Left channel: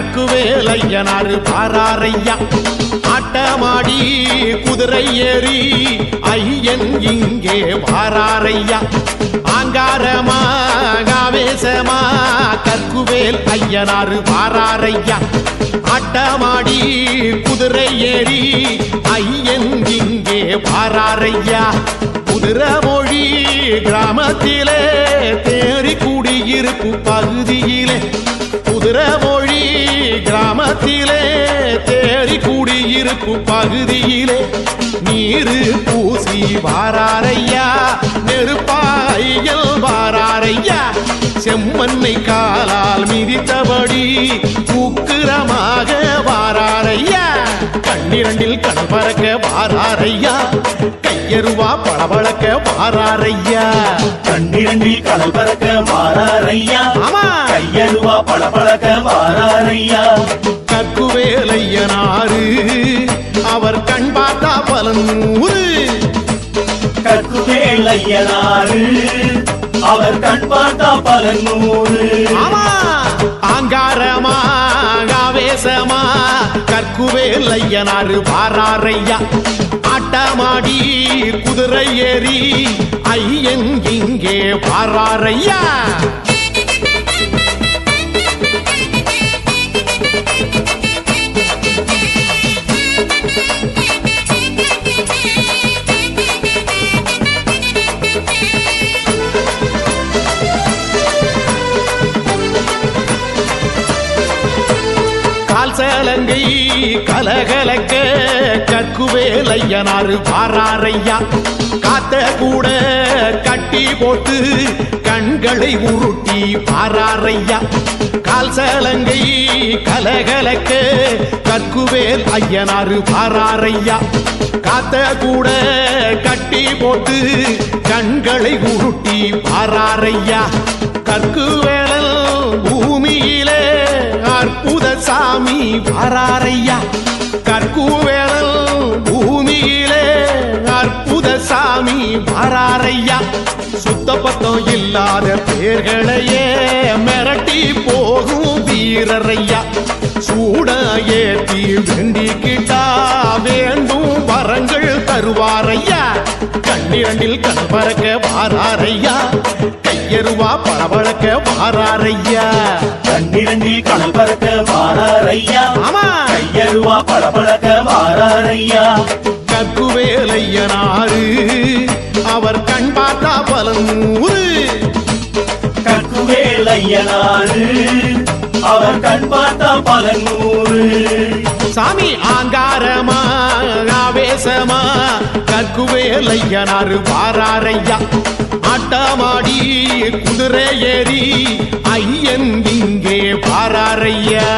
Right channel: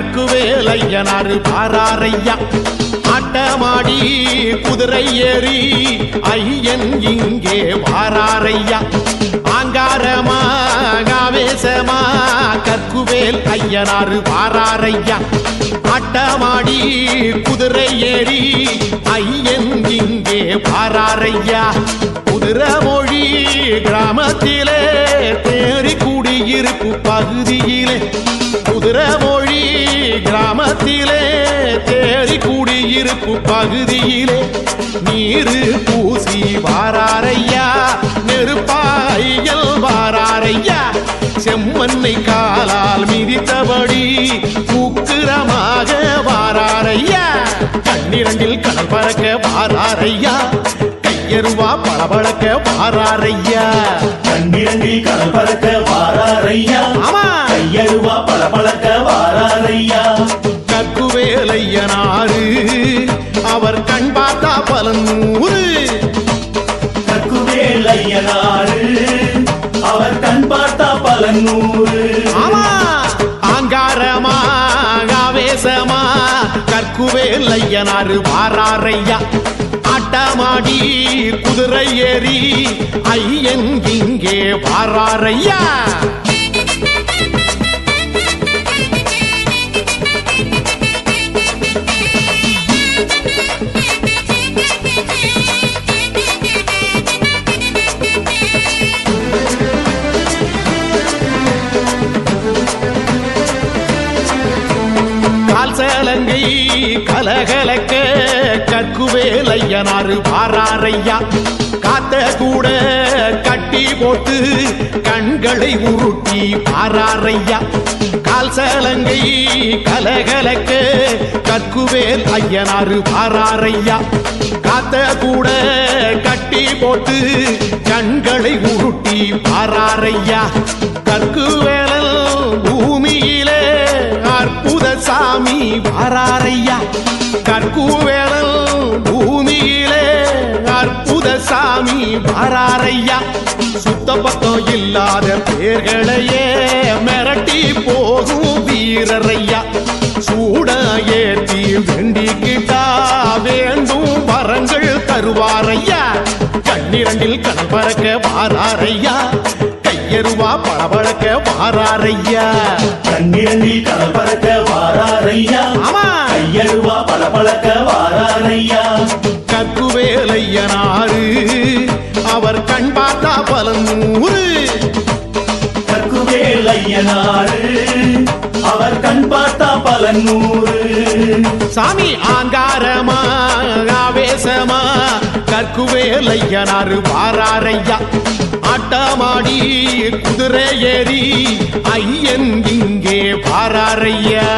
கற்குவேலையனாறு பாராரையா. ஆட்டமாடி குதிரை ஏறி ஐயன் இங்கே வாராரையா. ஆங்காரமா காவேசமா கற்குவேல் ஐயனாறு வாராரையா ஆட்டமாடி குதிரை ஏறி ஐயன் இங்கே வாராரையா. குதிரமொழி கிராமத்திலே தேறி குடியிருப்பு பகுதியிலே. குதிரமொழி கிராமத்திலே தேடி குடியிருப்பு பகுதியிலே நீரு பூசி வாராரையா நெருப்பாயல் வாராரையா செம்மண்ணை காலால் மிதித்தபடி உக்கிரமாக வாராரையா. கண்ணிரண்டில் கடல் பறக்க வாராரையா? கையருவா பளபளக்க வாராரையா? கண்ணிரண்டில் கடல் பறக்க வாராரையா? ஆமா. கையருவா பல பழக்க வாராரையா? கற்குவேலையனாரு அவர் கண் பார்த்தா பலன் நூறு கற்குவேல் ஐயனாரு அவர் கண் பார்த்தா பல நூறு ஆமா. ஆங்காரமா ஆவேசமா கற்குவேலையனாரு வாராரையா ஆட்டமாடி குதிரை ஏறி ஐயன் இங்கே வாராரையா சேலங்கை கலகலக்க கற்குவேலையனாரு பாராரையா. காத்த கூட கட்டி போட்டு கண்களை உருட்டி பாராரையா. கால் சலங்கை கலகலக்க கற்குவேல் ஐயனாரு பாராரையா. காத்த கூட கட்டி போட்டு கண்களை உருட்டி பாராரையா. கற்குவேலல் பூமியிலே அற்புத சாமி வாராரையா. கற்குவேலல் பூமியிலே அற்புத சாமி வாராரையா. சுத்த பத்தம் இல்லாத பேர்களையே மிரட்டி போகும் வீரரையா. சூட ஏற்றி வேண்டிக்கிட்டா வேண்டும் வரங்கள் தருவாரையா. கண்ணிரண்டில் கண் பறக்க வாராரையா. கையருவா பளபளக்க வாராரையா? கண்ணிரண்டில் கடல் பறக்க வாராரையா? ஆமா. கையருவா பல பழக்க வாராரையா கற்குவேலையனாரு அவர் கண் பார்த்தா பலன் நூறு கற்குவேல் ஐயனாரு அவர் கண் பார்த்தா பல நூறு. சாமி ஆங்காரமா ஆவேசமா கற்குவேலையனாறு வாராரையா. ஆட்டமாடி குதிரை ஏறி ஐயன் இங்கே பாராரையா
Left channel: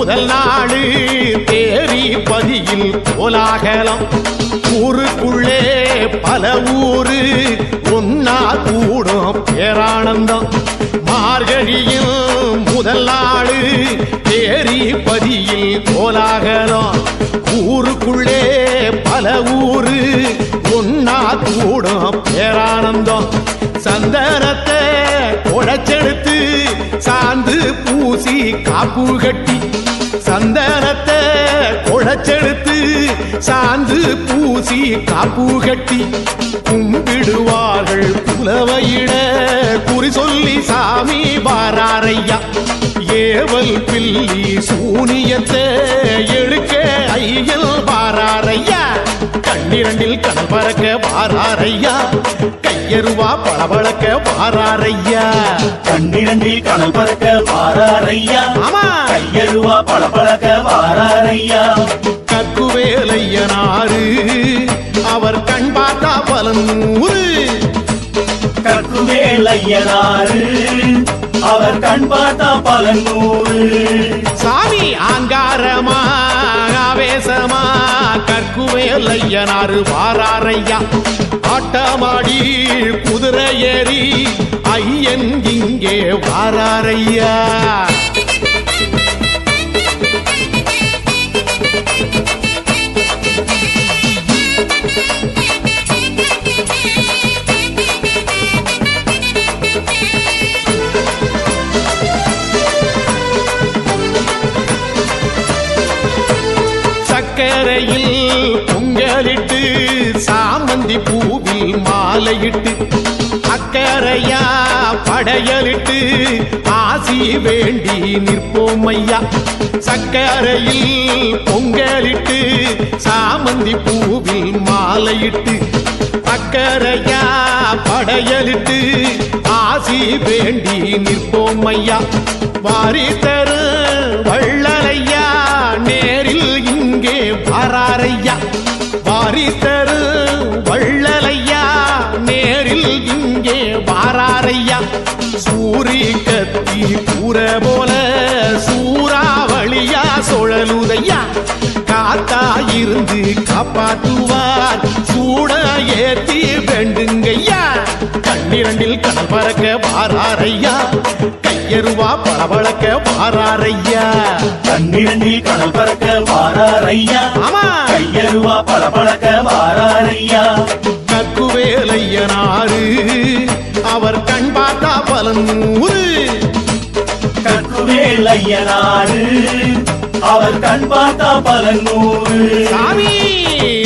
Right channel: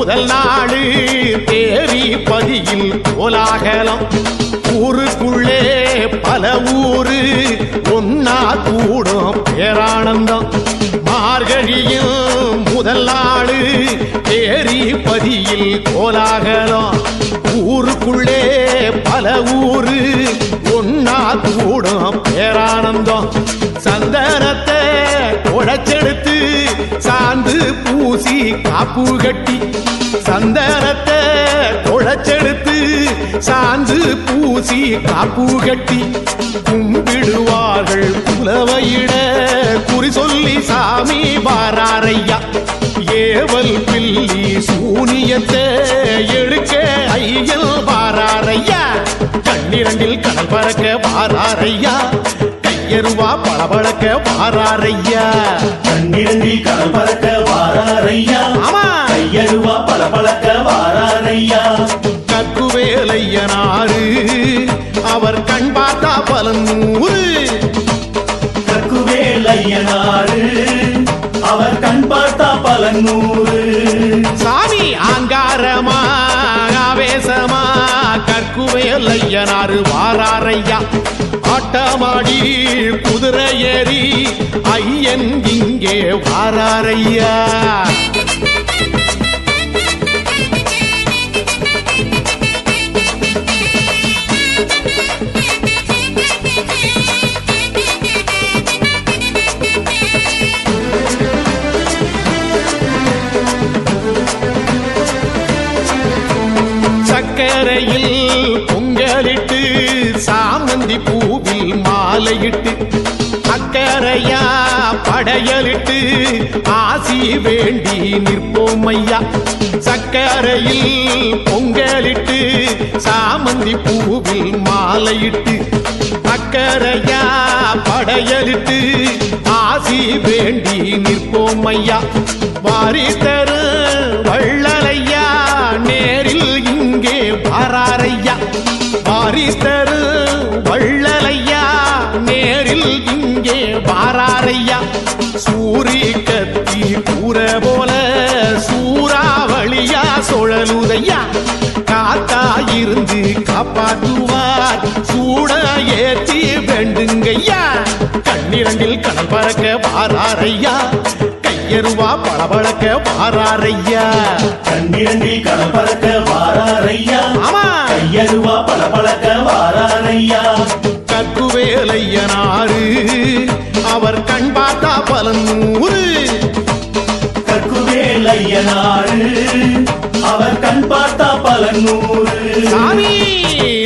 முதல் நாடு தேரி பதியில் கோலாகலம். ஊருக்குள்ளே பல ஊரு ஒன்னா கூடும் பேரானந்தம். மார்கழியும் முதல் நாடு தேரி பதியில் கோலாகலம். ஊருக்குள்ளே பல ஊரு ஒன்னா கூடும் பேரானந்தம். சந்தனத்தை உடைச்செடுத்து சாந்து பூசி காப்பு கட்டி சந்தனத்தை குழைச்செடுத்து சாந்து பூசி காப்பு கட்டி கும்பிடுவார்கள் புலவையிட குறி சொல்லி சாமி வாராரையா. ஏவல் பில்லி சூனியத்தை எடுக்க ஐயல் வாராரையா. கண்ணிரண்டில் கடல் பறக்க வாராரையா. கையருவா பளபளக்க வாராரையா. கண்ணிரண்டில் கடல் பறக்க வாராரையா. ஆமா. கையருவா பல பழக்க வாராரையா. கற்குவேலையனாரு அவர் கண் பார்த்தா பலன் நூறு. கற்குவேல் ஐயனாரு அவர் கண் பார்த்தா பல நூறு. சாமி ஆங்காரமா ஆவேசமா கற்குவேல் ஐயனாரு வாராரையா. ஆட்டமாடி குதிரை ஏறி ஐயன் இங்கே வாராரையா கடற்கரையில் பொங்கலிட்டு சாமந்தி பூவில் மாலையிட்டு அக்கறையா படையலிட்டு ஆசி வேண்டி நிற்போம் ஐயா சக்கரையில் பொங்கலிட்டு சாமந்தி பூவில் மாலையிட்டு அக்கறையா படையலிட்டு ஆசி வேண்டி நிற்போம் ஐயா வாரி தரு வள்ளலையா நேரில் இங்கே வாராரையா வாரிஸ்தரு வள்ளலையா நேரில் இங்கே வாராரையா சூரி கத்தி கூற போல சூறாவளியா சுழலுதையா காத்தா இருந்து காப்பாத்துவார் சூட ஏத்தி வேண்டுங்கய்யா. கண்ணிரண்டில் கடல் பறக்க வாராரையா. கையருவா பளபளக்க வாராரையா. கண்ணிரண்டில் கடல் பறக்க வாராரையா. ஆமா. கையருவா பல பழக்க வாராரையா. கற்குவேலையனாரு அவர் கண் பார்த்தா நூறு கற்குவேல் ஐயனாரு அவர் கண் பார்த்தா பல நூறு. சாமி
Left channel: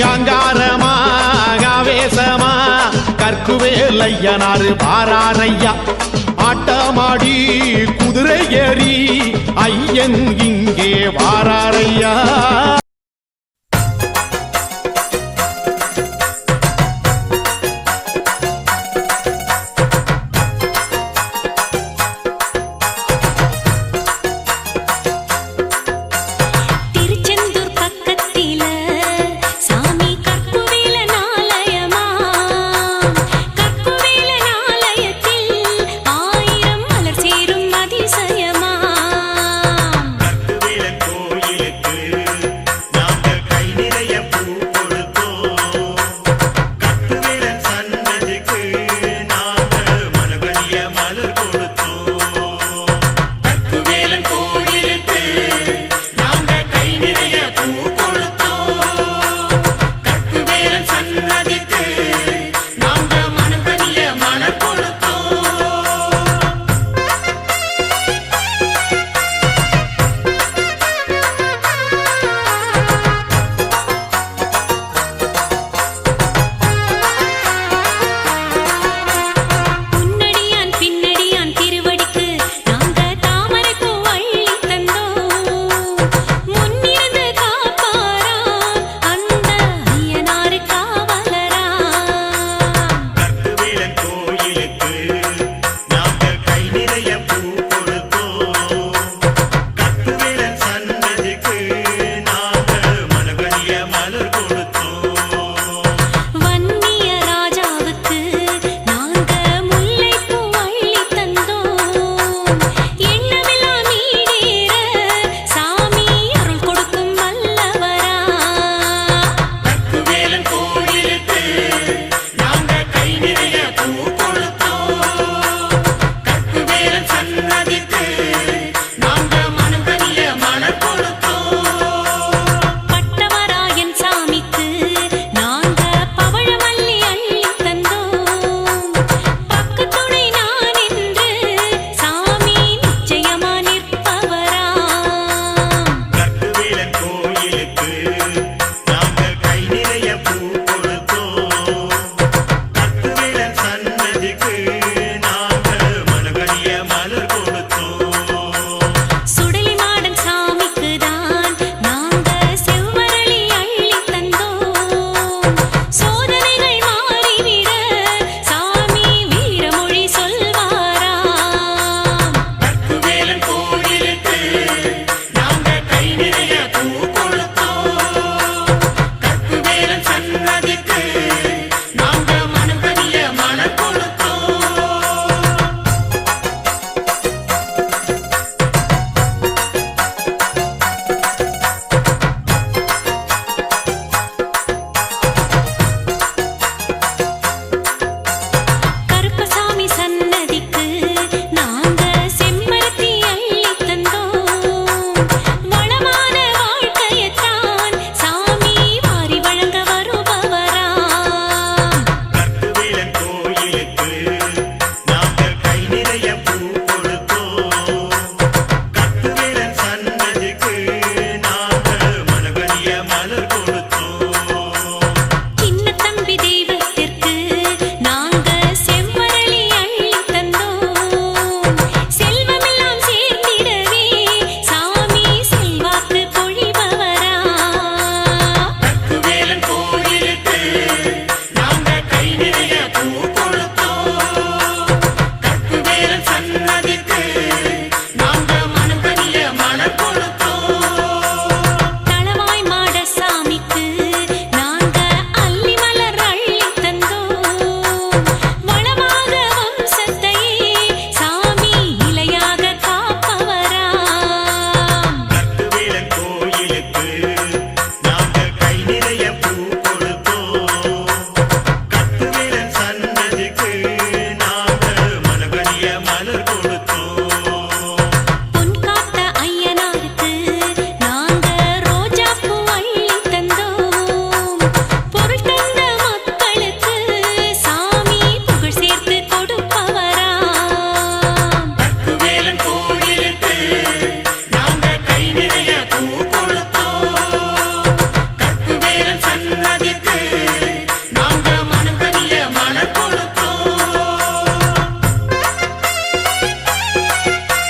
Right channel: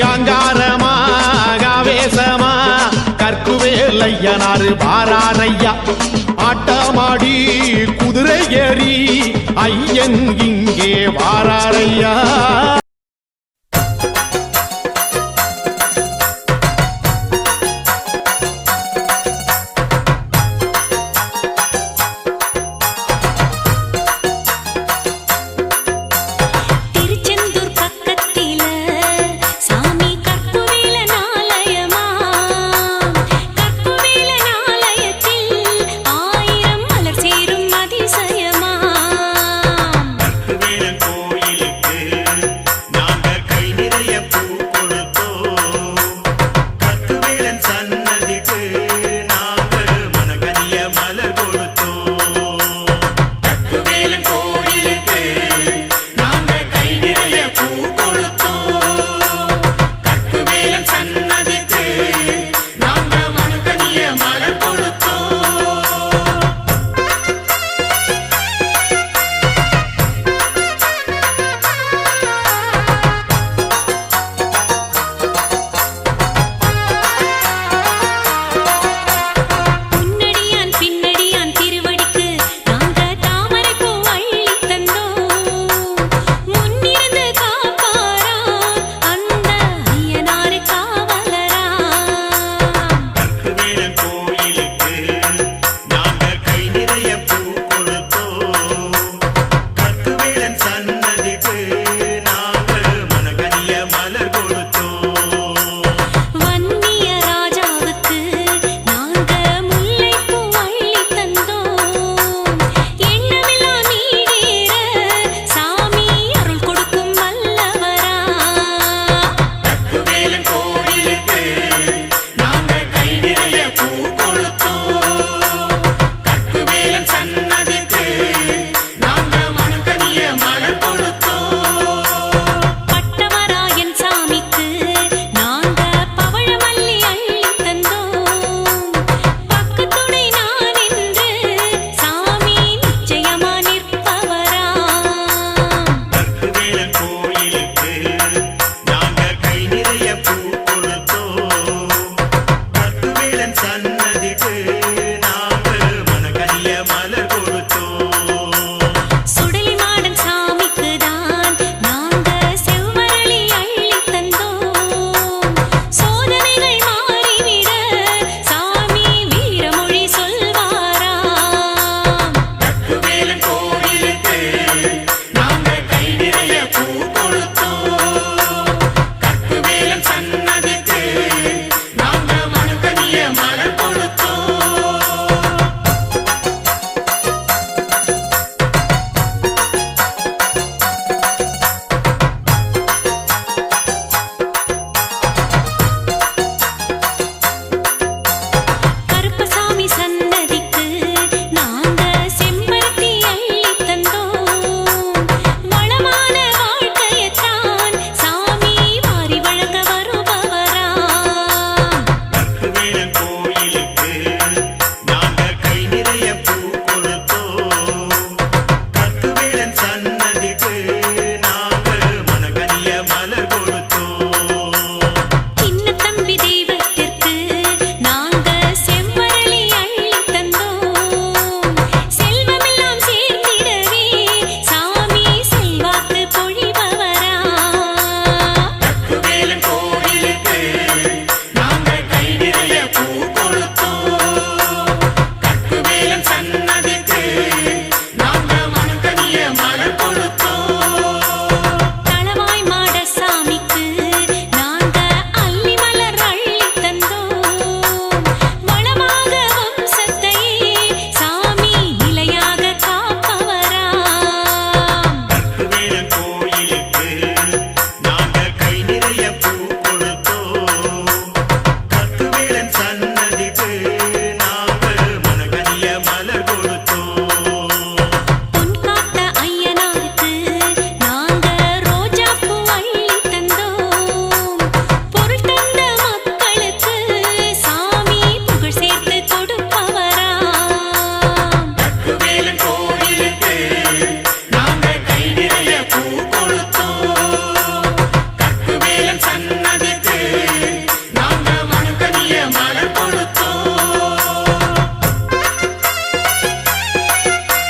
அங்காரமா ஆவேசமா. கற்குவேலையனாரு பாராரையா ஆட்டமாடி குதிரை ஏறி ஐயன் இங்கே வாராரையா. இணைய பூ கொளுத்தோம். nadie.